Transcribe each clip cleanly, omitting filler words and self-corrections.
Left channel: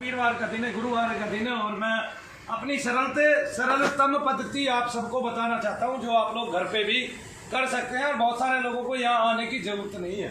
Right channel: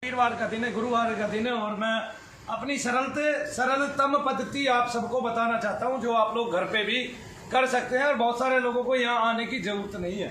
वीरवार का दिन है, गुरुवार का दिन है और मैं अपनी सरलतम पद्धति आप सबको बताना चाहता हूं जो आप लोग घर पे भी कर सकते हैं। और बहुत सारे लोगों को यहाँ आने की जरूरत नहीं है।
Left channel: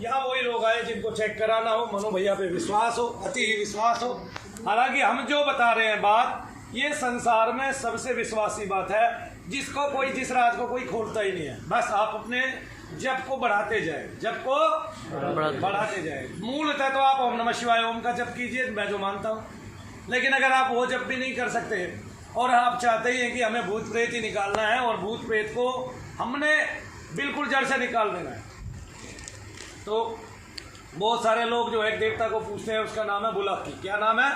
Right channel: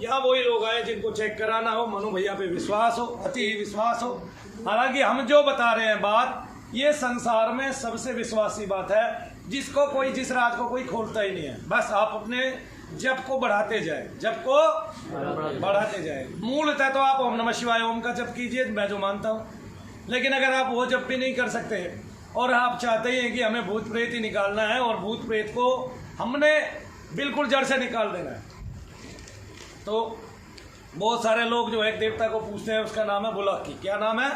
यहाँ वही लोग आए जिनको चेक कराना हो, मनु भैया पे विश्वास हो, अति ही विश्वास हो। हालांकि हम जो बता रहे हैं बात, ये संसार में सबसे विश्वासी बात है, जिसको कोई, जिस राज को कोई खोलता ही नहीं है। बस आप अपने जप को बढ़ाते जाए, जप को बढ़ाते जाए। मूलतः तो आप ओम नमः शिवाय ओम का जप कीजिए, मैं जो मानता हूँ। लेकिन अगर आप वो जप भी नहीं कर सकते और आप चाहते ही हैं कि हमें भूत प्रेत ही निकालना है और भूत प्रेत को हमने बिल्कुल जड़ से निकाल देना है, तो बहुत सारे लोग जो एक देवता को पूछते हैं, उसका नाम है बुलाकी। क्या नाम है?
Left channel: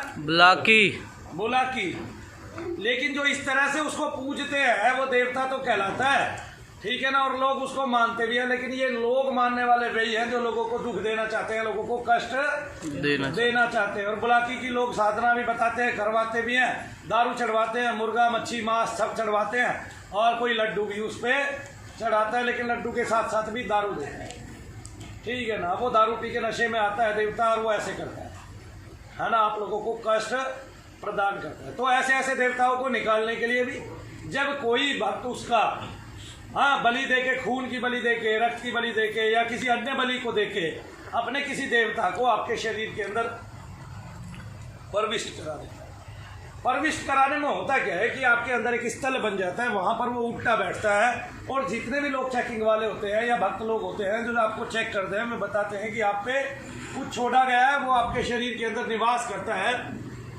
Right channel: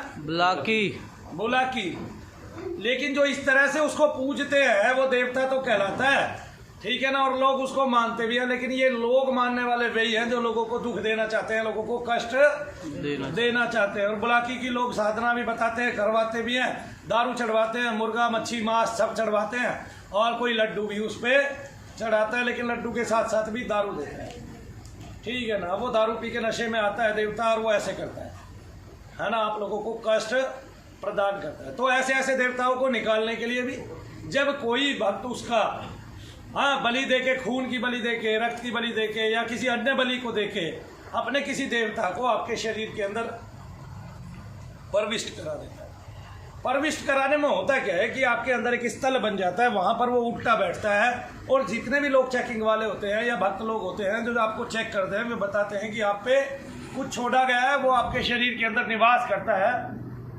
बुलाकी। लेकिन जो इस तरह से उसको पूजते हैं वो देवता तो कहलाता है, ठीक है ना, और लोग उसको मानते भी हैं। लेकिन ये लोग मानने वाले वही हैं जो लोगों को दुख देना चाहते हैं, लोगों को कष्ट देना चाहते हैं। और बुलाकी की लोग साधना भी बताते हैं, करवाते भी हैं, दारू चढ़वाते हैं, मुर्गा मच्छी मांस सब चढ़वाते हैं, और कोई लड्डू भी उस पर चढ़ाता है। लेकिन लड्डू के साथ साथ भी दारू देते हैं, ठीक है ना। वो दारू पी के नशे में आता है देवता और वो ऐसे करता है ना, आप लोगों को कष्ट प्रदान करता है। तो ऐसे ऐसे देवताओं को निकालने के लिए भी जब कोई भक्त उसका बलि देके, खून की बलि देके, रक्त की बलि देके या किसी अन्य बलि को देके अपने किसी देवता को आपके शरीर के अंदर प्रविष्ट करा देता है। प्रविष्ट कराने में होता क्या है कि आपके अंदर एक स्थल बन जाता है, वहां पर वो उठता बैठता है। और जितने भी लोग चेकिंग वाले होते हैं या भक्त लोग होते हैं जो आपको चेक करते हैं, वे बताते हैं कि आप पे कुछ छोड़ा गया है, वो आपके शरीर के अंदर निवास करता है।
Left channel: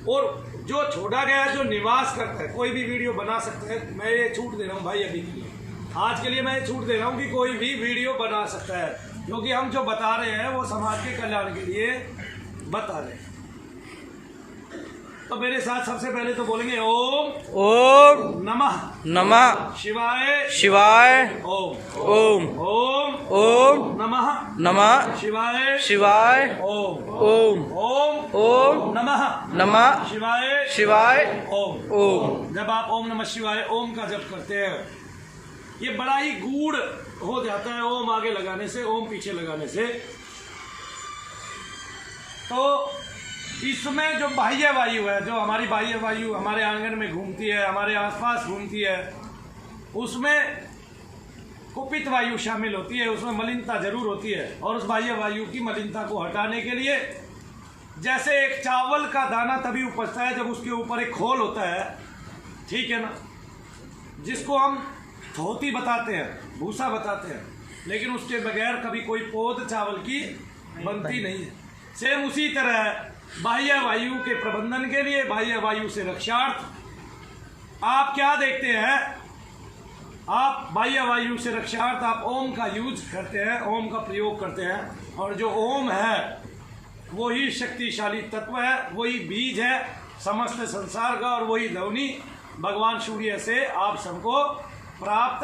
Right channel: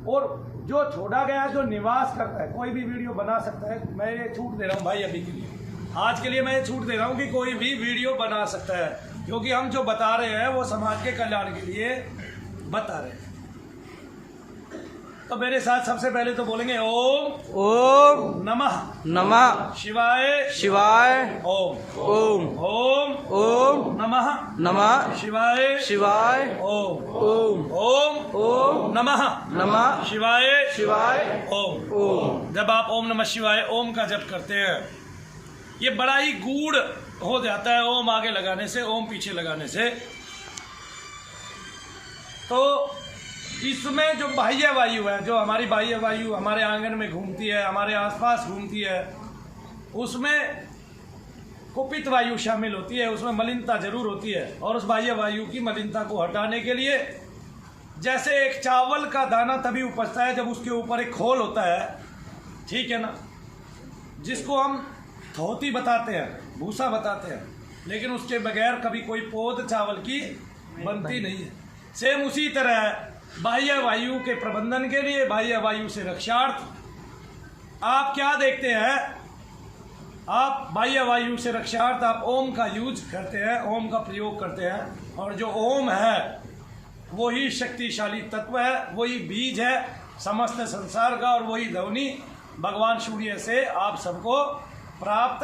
और जो छोड़ा गया है, जो निवास करता है, कोई भी वीडियो बना सकता है। मैं ये छूट दे रहा हूँ भाई, अभी के लिए, आज के लिए मैं छूट दे रहा हूँ कि कोई भी वीडियो बना सकता है, क्योंकि हम जो बता रहे हैं वो समाज के कल्याण के लिए बता रहे हैं। तो मेरे साथ सबसे पहले तो बोलेंगे ओम नमः शिवाय ओम नमः शिवाय ओम नमः शिवाय ओम। जब आप ओम नमः शिवाय ओम का जप करते हैं, ये बड़ा ही गूढ़ हो जाता है ओम आगे लगाने से, ओम पीछे लगाने से। तो इसमें जो बाह्य वायु है, जो हमारी बाह्य वायु हमारे आंगन में घूमती है, हमारे आसपास घूमती है, उसमें कुपित वायु शामिल होती है, उसमें मलिनता जरूर होती है। और उस बाह्य वायु की मलिनता को हटाने के लिए, जैसे एक चावल का दाना तभी उपजता है जब उसके ऊपर एक खोल होता है, ठीक है ना, जिसको हम धोती बताते हैं, भूसा बताते हैं। लेकिन उसके बगैर कभी कोई पौध चावल की बनती नहीं है। सेम उसी तरह बाह्य वायु के प्रबंधन के लिए, बाह्य वायु से रक्षार्थ आप क्या देखते हैं, आप बाह्य वायु से रक्षार्थ आप ओम का यूज करते हैं, ओम का प्रयोग करते हैं। और जो ओम है वही शक्तिशाली तत्व है, वही बीज है समस्त संसार का, और वही ध्वनि भगवान सूर्य से आप सबको प्राप्त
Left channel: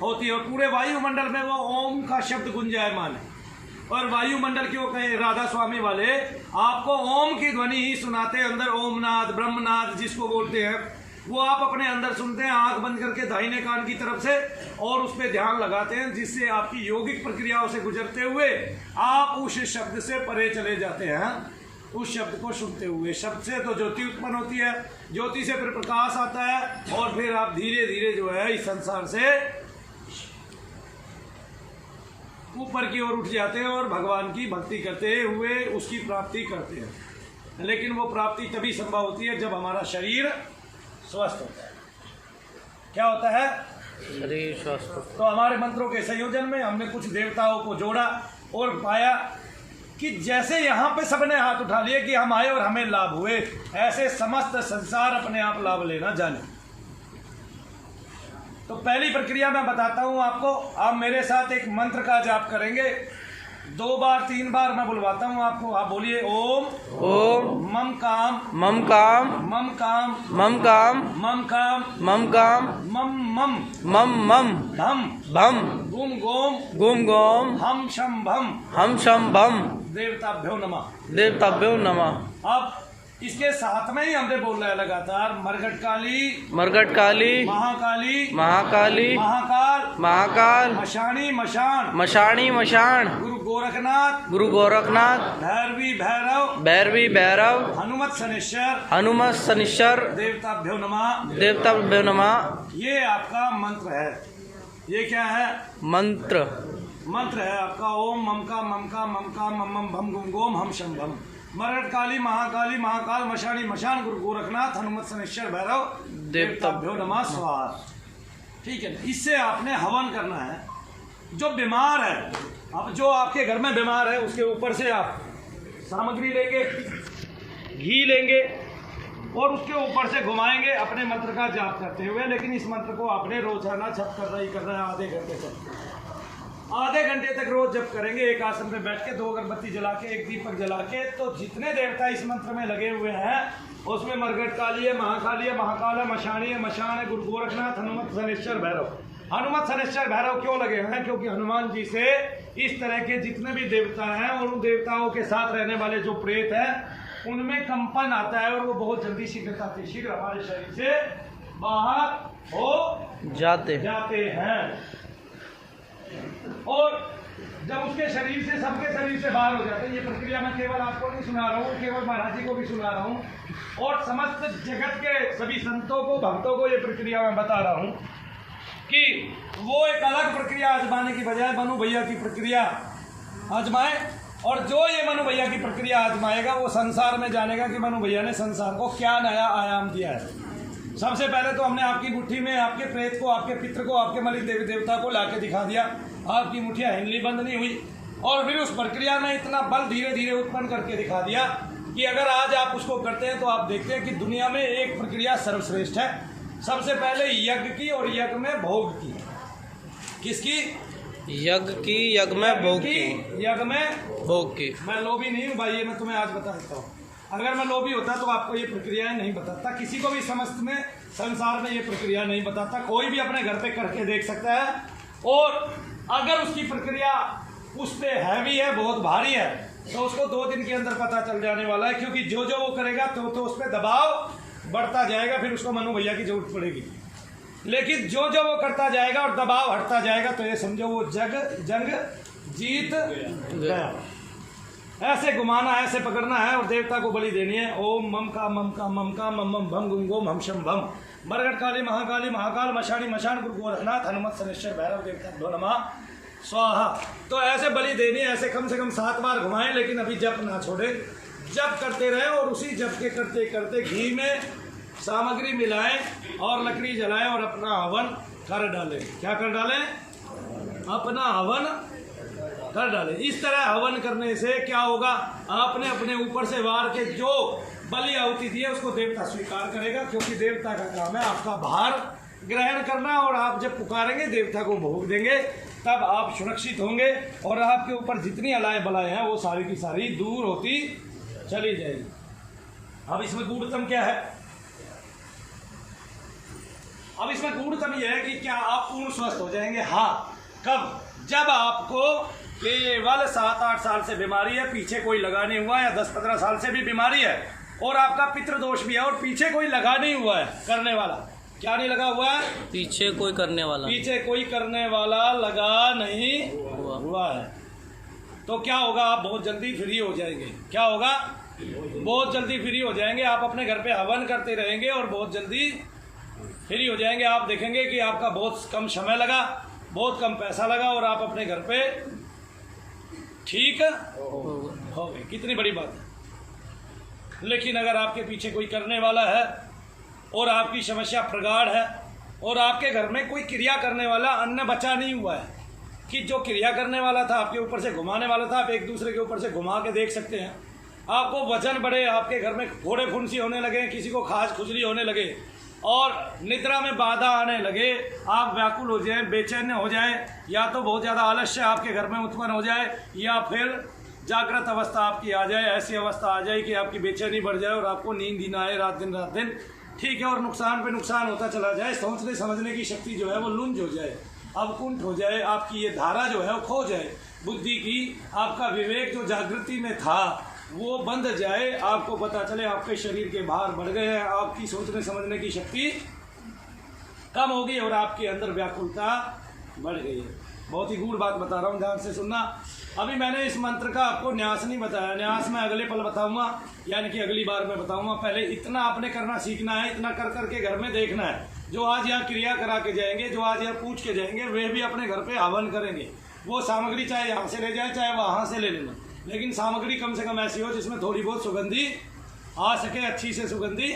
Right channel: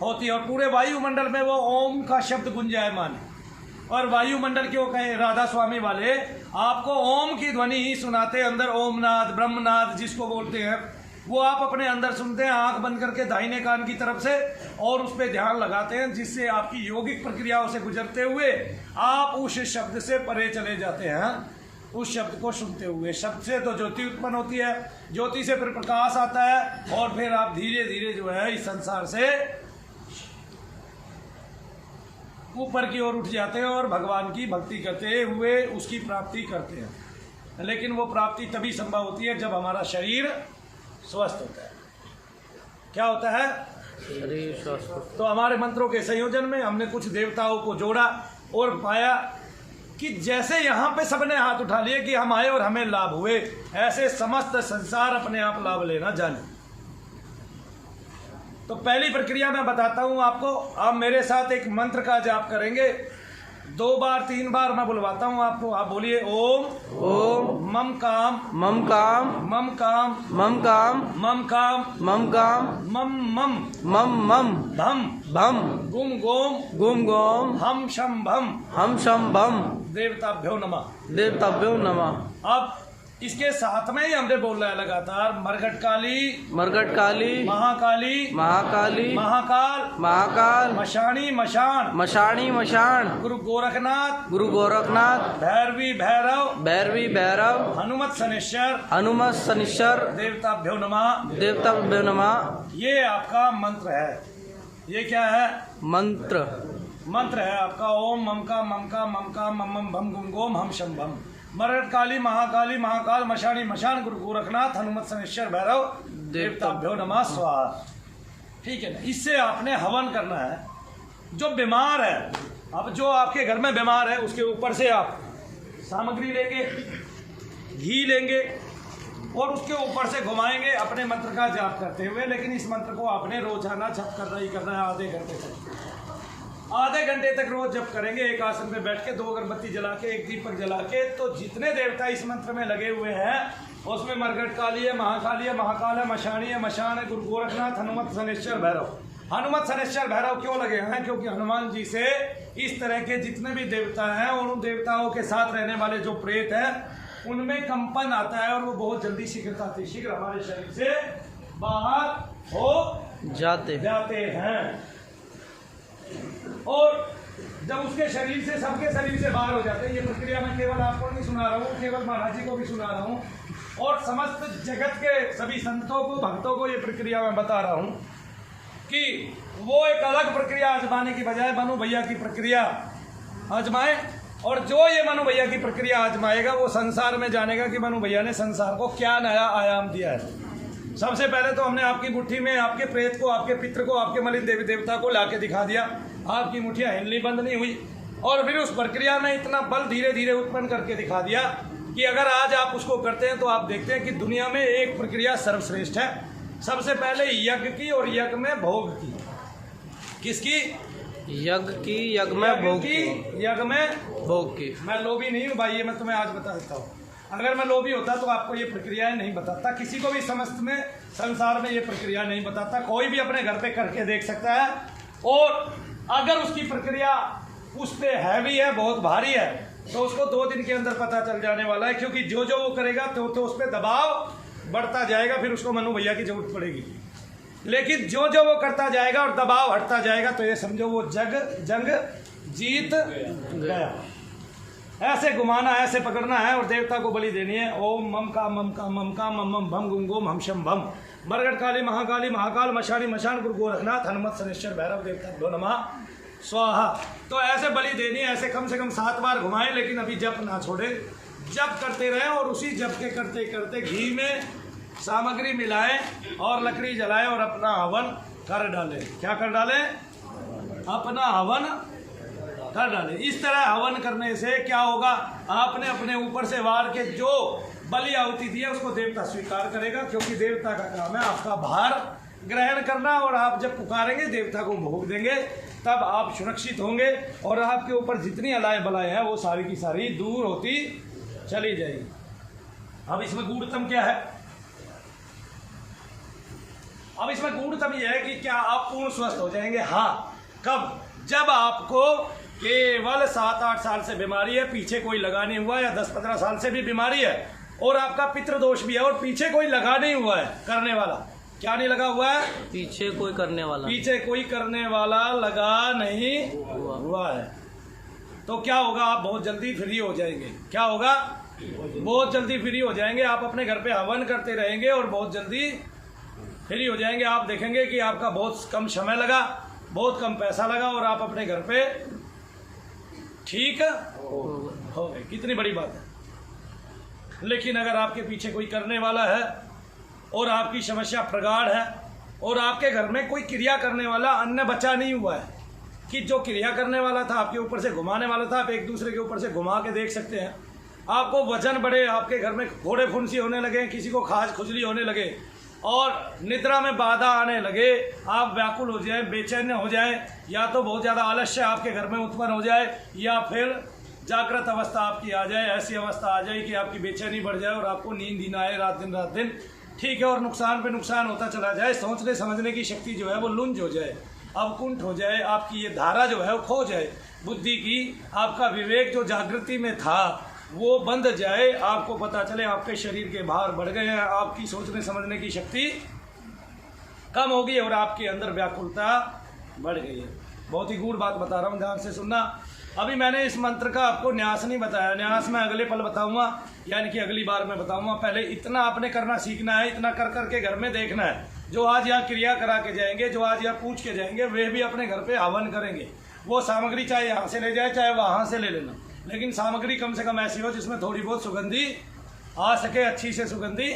होती है। और पूरे वायुमंडल में वो ओम का शब्द गुंजायमान है। और वायुमंडल क्यों कहे, राधा स्वामी वाले आपको ओम की ध्वनि ही सुनाते हैं। अंदर ओमनाद, ब्रह्मनाद जिसको बोलते हैं, वो आप अपने अंदर सुनते हैं आंख बंद करके दाहिने कान की तरफ से, और उस पर ध्यान लगाते हैं, जिससे आपकी योगिक प्रक्रियाओं से गुजरते हुए आप उस शब्द से परे चले जाते हैं। उस शब्द को सुनते हुए, शब्द से तो ज्योति उत्पन्न होती है, ज्योति से फिर प्रकाश आता है, और फिर आप धीरे धीरे जो है इस संसार से ऊपर की ओर उठ जाते हैं और भगवान की भक्ति करते हुए उसकी प्राप्ति करते हैं। लेकिन वो प्राप्ति तभी संभव होती है जब हमारा शरीर स्वस्थ होता है। क्या होता है? शरीर स्वस्थ। तो हमारे मंत्रों के संयोजन में हमने कुछ देवताओं को जोड़ा और पाया कि जैसे यहाँ पे सबने हाथ उठा लिए कि हम आए और हमें लाभ हुए, ऐसे समस्त संसार अपने आप लाभ लेना जाने। तो पहली प्रक्रिया मैं बताता हूँ आपको। आप मेरे साथ एक मंत्र का जाप करेंगे, 2 बार 3 बार मैं बुलवाता हूँ आपको, आप बोलिए ओम मम काम मम भम गुम गोम हम शम भम देवताभ्यो नमः। अब इसके साथ में ही हमने बोलना है लगातार, मरघट काली, मरघट काली, महाकाली, महाकाली, महाकाल, महाकाल, मशानी मशान, मशाणी मशाण, गुरु गोरखनाथ, गुरु गोरखनाथ, भैरवी भैरव, भैरवी भैरव, हनुमत शनिश्चर, हनुमत शनिश्चर, देवताभ्यो नमः। देवताभ्यो नमः। ये आपका मंत्र है। ये क्या है? मंत्र मंत्र है आपका ओम ममका ममका ममका मम मम भम गुम गोम हम शम भम। मरघट काली, महाकाली, महाकाल, मशानी मशान, गुरु गोरखनाथ, हनुमत शनिश्चर, भैरव, देवताभ्यो नमः स्वाहा। ठीक है ना? इससे आपने हवन करना है। जो बीमार है, अब जो आपके घर में बीमार है उसके ऊपर से आप सामग्री लेंगे, घी लेंगे और उसके ऊपर से घुमाएंगे अपने मंत्र का जाप करते हुए। लेकिन इस मंत्र को आपने रोजाना जप करना ही करना है, आधे घंटे तक। आधे घंटे तक रोज जप करेंगे, एक आसन पे बैठ के, 2 अगरबत्ती जला के, एक दीपक जला के। तो जितने देवता इस मंत्र में लगे हुए हैं उसमें मरघट काली है, महाकाली है, महाकाल है, मशानी है, मशान है, गुरु गोरखनाथ, हनुमत शनिश्चर, भैरव। हनुमत शनिश्चर भैरव क्यों लगे हैं? क्योंकि हनुमान जी से इस तरह के जितने भी देवता हैं और उन देवताओं के साथ रहने वाले जो प्रेत हैं उनमें कंपन आता है और वो बहुत जल्दी शीघ्र हमारे शरीर से बाहर हो जाते हैं। और जब उसके शरीर से, सबके शरीर से बाहर हो जाते हैं, ये प्रक्रिया मैं केवल आपको नहीं सुना रहा हूँ, केवल महाराज जी को भी सुना रहा हूँ और समस्त जगत के सभी संतों को, भक्तों को ये प्रक्रिया मैं बता रहा हूँ कि वो एक अलग प्रक्रिया आजमाने की बजाय मनु भैया की प्रक्रिया आजमाए। और जो ये मनु भैया की प्रक्रिया आजमाएगा वो संसार में जानेगा कि मनु भैया ने संसार को क्या नया आयाम दिया है। सबसे पहले तो हमने आपकी मुट्ठी में आपके प्रेत को, आपके पितृ को, आपके मलिक देवी देवता को लाके दिखा दिया। आपकी मुठ्ठियाँ हिलनी बंद नहीं हुई और फिर उस प्रक्रिया में इतना बल धीरे धीरे उत्पन्न करके दिखा दिया कि अगर आज आप उसको करते हैं तो आप देखते हैं कि दुनिया में एक प्रक्रिया सर्वश्रेष्ठ है। सबसे पहले यज्ञ की, और यज्ञ में भोग की। किसकी? यज्ञ की, यज्ञ में भोग की, यज्ञ में भोग की। मैं लोभी नहीं हूँ भाई, ये मैं तुम्हें आज बता देता हूँ। अगर मैं लोभी होता तो आपको ये प्रक्रियाएं नहीं बताता, किसी को भी समस्त में संसार में ये प्रक्रिया नहीं बताता। कोई भी अपने घर पे करके देख सकता है और अगर उसकी प्रक्रिया उस पे हैवी है, बहुत भारी है, तो उसको 2 दिन के अंदर पता चल जाने वाला है। क्योंकि जो जो वो करेगा तो उस पर दबाव बढ़ता जाएगा, फिर उसको मनु भैया की जरूरत पड़ेगी। लेकिन जो जो वो करता जाएगा और दबाव हटता जाएगा तो ये समझो वो जंग जीत गया। ऐसे घुमाना है, ऐसे पकड़ना है और देवता को बलि देनी है। ओम मम का मम का मम का मम मम भम गुम गोम हम शम भम। मरघट काली, महाकाली, महाकाल, मशानी मशान, गुरु गोरखनाथ, हनुमत शनिश्चर, भैरव, देवताभ्यो नमः स्वाहा। तो ऐसे बलि देनी है, ऐसे कम से कम 7 बार घुमाएं। लेकिन अभी जप ना छोड़े, जप करते रहें और उसी जप के करते करते घी में सामग्री मिलाएं और लकड़ी जलाएं और अपना हवन कर डालें। क्या कर डालें? अपना हवन कर डालें। इस तरह हवन करने से क्या होगा? आपने अपने ऊपर से वार के जो बलि आहुति दी है उसको देवता स्वीकार करेगा, क्योंकि देवता का काम है आपका भार ग्रहण करना। और आप जब पुकारेंगे देवता को भोग देंगे तब आप सुरक्षित होंगे और आपके ऊपर जितनी अलाय बलाएं हैं वो सारी की सारी दूर होती चली जाएगी। अब इसमें गूढ़तम क्या है? अब इसमें गूढ़तम यह है कि क्या आप पूर्ण स्वस्थ हो जाएंगे? हाँ। कब? जब आपको केवल 7-8 साल से बीमारी है, पीछे कोई लगा नहीं हुआ है, या 10-15 साल से भी बीमारी है और आपका पितृदोष भी है और पीछे कोई लगा नहीं हुआ है करने वाला। क्या नहीं लगा हुआ है? पीछे कोई करने वाला, पीछे कोई करने वाला लगा नहीं हुआ है। तो क्या होगा? आप बहुत जल्दी फ्री हो जाएंगे। क्या होगा? बहुत जल्दी फ्री हो जाएंगे। आप अपने घर पे हवन करते रहेंगे और बहुत जल्दी फ्री हो जाएंगे। आप देखेंगे कि आपका बहुत कम समय लगा, बहुत कम पैसा लगा और आप अपने घर पे ठीक हो गए। कितनी बड़ी बात है। लेकिन अगर आपके पीछे कोई करने वाला है और आपकी समस्या प्रगाढ़ है और आपके घर में कोई क्रिया करने वाला अन्य बचा नहीं हुआ है, कि जो क्रिया करने वाला था आपके ऊपर से घुमाने वाला था, आप एक दूसरे के ऊपर से घुमा के देख सकते हैं। आपको वजन बढ़े, आपके घर में घोड़े फुंसी होने लगे, किसी को खाज खुजली होने लगे और निद्रा में बाधा आने लगे, आप व्याकुल हो जाएं, बेचैन हो जाएं, या तो बहुत ज़्यादा आलस्य आपके घर में उत्पन्न हो जाए या फिर जागृत अवस्था आपकी आ जाए, ऐसी अवस्था आ जाए कि आपकी बेचैनी बढ़ जाए और आपको नींद ही ना आए रात दिन। ठीक है। और नुकसान पे नुकसान होता चला जाए, सोचने समझने की शक्ति जो है वो लुंज हो जाए, अवकुंठ हो जाए, आपकी ये धारा जो है वो खो जाए बुद्धि की। आपका विवेक जो जागृति में था वो बंध जाए, आपको पता चले आपके शरीर के भार बढ़ गए हैं, आपकी सोचने समझने की शक्ति कम हो गई और आपके अंदर व्याकुलता बढ़ गई है। बहुत ही गूढ़ बात बता रहा हूँ, ध्यान से सुनना। अभी मैंने इस मंत्र का आपको न्यास नहीं बताया, न्यास मैं अगले पल बताऊंगा, यानी कि अगली बार मैं बताऊंगा। पहले इतना आपने करना सीखना है, इतना कर करके घर में देखना है। जो आज यहाँ क्रिया करा के जाएंगे, जो आज यहाँ पूछ के जाएंगे, वे भी अपने घर पे हवन करेंगे। वो सामग्री चाहे यहाँ से ले जाए चाहे वहाँ से ले लेना, लेकिन सामग्री कम से कम ऐसी हो जिसमें थोड़ी बहुत सुगंधी आ सके, अच्छी से सुगंधी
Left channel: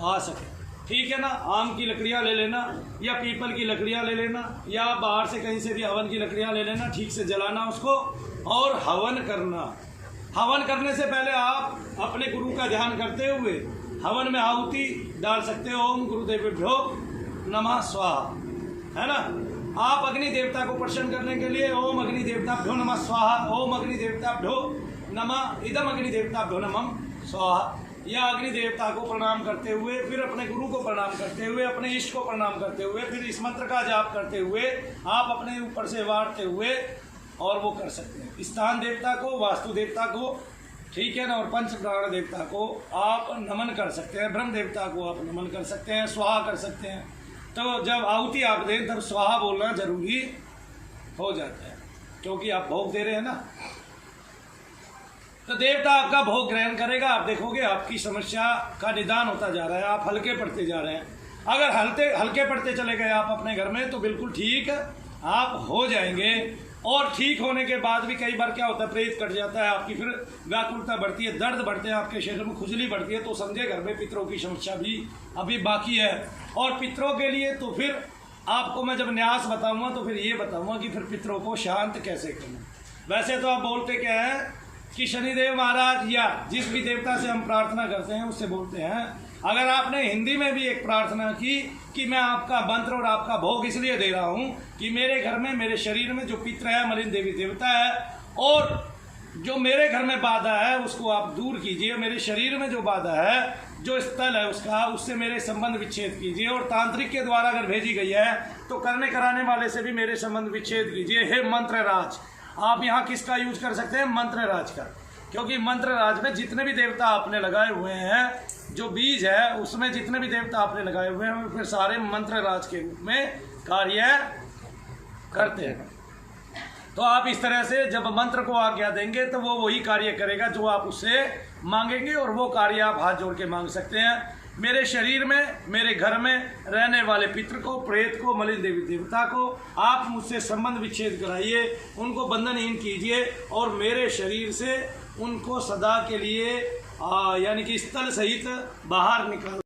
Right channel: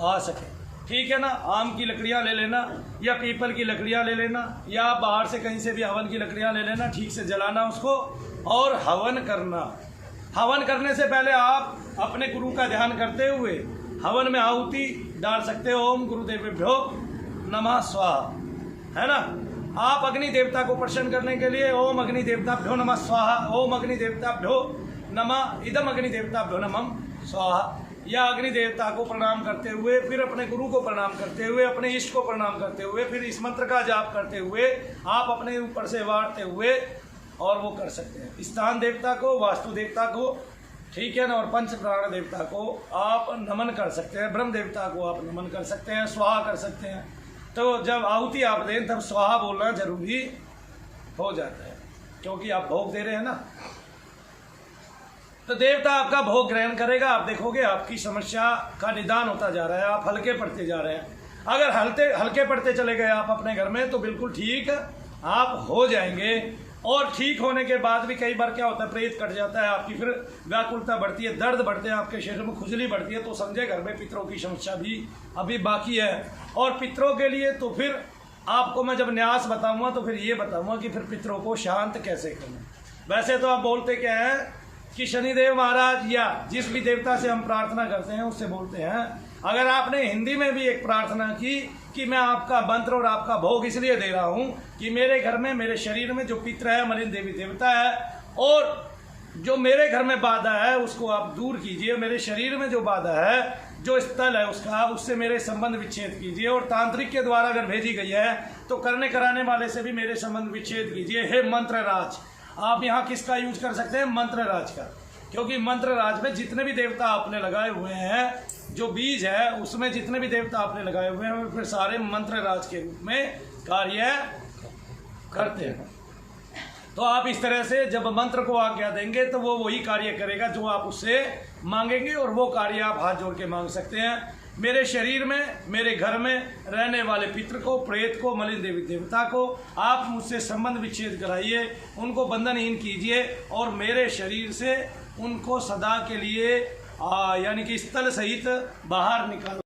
आ सके, ठीक है ना। आम की लकड़ियाँ ले लेना या पीपल की लकड़ियाँ ले लेना या बाहर से कहीं से भी हवन की लकड़ियाँ ले लेना, ठीक से जलाना उसको और हवन करना। हवन करने से पहले आप अपने गुरु का ध्यान करते हुए हवन में आहुति डाल सकते हो। ओम गुरुदेवेभ्यो नमः स्वाहा, है ना। आप अग्नि देवता को प्रसन्न करने के लिए ओम अग्नि देवताभ्यो नमः स्वाहा, ओम अग्नि देवताभ्यो नमः इदम अग्नि देवताभ्यो नमः स्वाहा, या अग्नि देवता को प्रणाम करते हुए, फिर अपने गुरु को प्रणाम करते हुए, अपने इष्ट को प्रणाम करते हुए, फिर इस मंत्र का जाप करते हुए आप अपने ऊपर से वारते हुए और वो कर सकते हैं। स्थान देवता को, वास्तु देवता को, ठीक है ना, और पंच प्राण देवता को आप नमन कर सकते हैं। ब्रह्म देवता को आप नमन कर सकते हैं, स्वाहा कर सकते हैं। तो जब आहुति आप दें तब स्वाहा बोलना जरूरी हो जाता है, क्योंकि आप भोग दे रहे हैं ना। तो देवता आपका भोग ग्रहण करेगा, आप देखोगे आपकी समस्या का निदान होता जा रहा है, आप हल्के पड़ते जा रहे हैं। अगर हल्के पड़ते चले गए आप अपने घर में तो बिल्कुल ठीक आप हो जाएंगे। और ठीक होने के बाद भी कई बार क्या होता है, प्रेत कट जाता है आपकी, फिर व्याकुलता बढ़ती है, दर्द बढ़ते हैं आपके शरीर में, खुजली बढ़ती है, तो समझे घर में पितरों की समस्या भी अभी बाकी है। और पितरों के लिए तो फिर आपको मैं जब न्यास बताऊंगा तो फिर ये बताऊंगा कि फिर पितरों को शांत कैसे करना। वैसे तो आप बोलते क्या है कि शनिदेव महाराज या जिस भी देवता से हम प्रार्थना करते हैं उससे बोलते हैं। अगर आपने हिंदी में भी एक प्रार्थना की कि मैं आपका मंत्र और आपका भोग इसलिए दे रहा हूं कि मेरे घर में, मेरे शरीर में जो पितर है, मलिन देवी देवता है, और जो मेरे घर में बाधा है उसको आप दूर कीजिए। मेरे शरीर में जो बाधा है, जो स्थल है उसका, उससे मेरे संबंध विच्छेद कीजिए। और तांत्रिक के द्वारा अगर भेजी गई है तो करने कराने वाले से भी मेरे संबंध विच्छेद कीजिए। हे मंत्र राज, आप यहाँ किसका यूज कर सकते हैं? मंत्र राज का, क्योंकि मंत्र राज में जितने भी देवता आपने लगाए हुए हैं, जो बीज है उसमें जितने भी देवता आपने लगाए हुए हैं, फिर सारे मंत्र राज के रूप में कार्य करते हैं। तो आप इस तरह से जब मंत्र को आज्ञा देंगे तो वो वही कार्य करेगा जो आप उससे मांगेंगे, और वो कार्य आप हाथ जोड़ के मांग सकते हैं। मेरे शरीर में, मेरे घर में रहने वाले पितृ को, प्रेत को, मलिन देवी देवता को आप मुझसे संबंध विच्छेद कराइए, उनको बंधनहीन कीजिए और मेरे शरीर से उनको सदा के लिए यानी कि स्थल सहित बाहर निकाल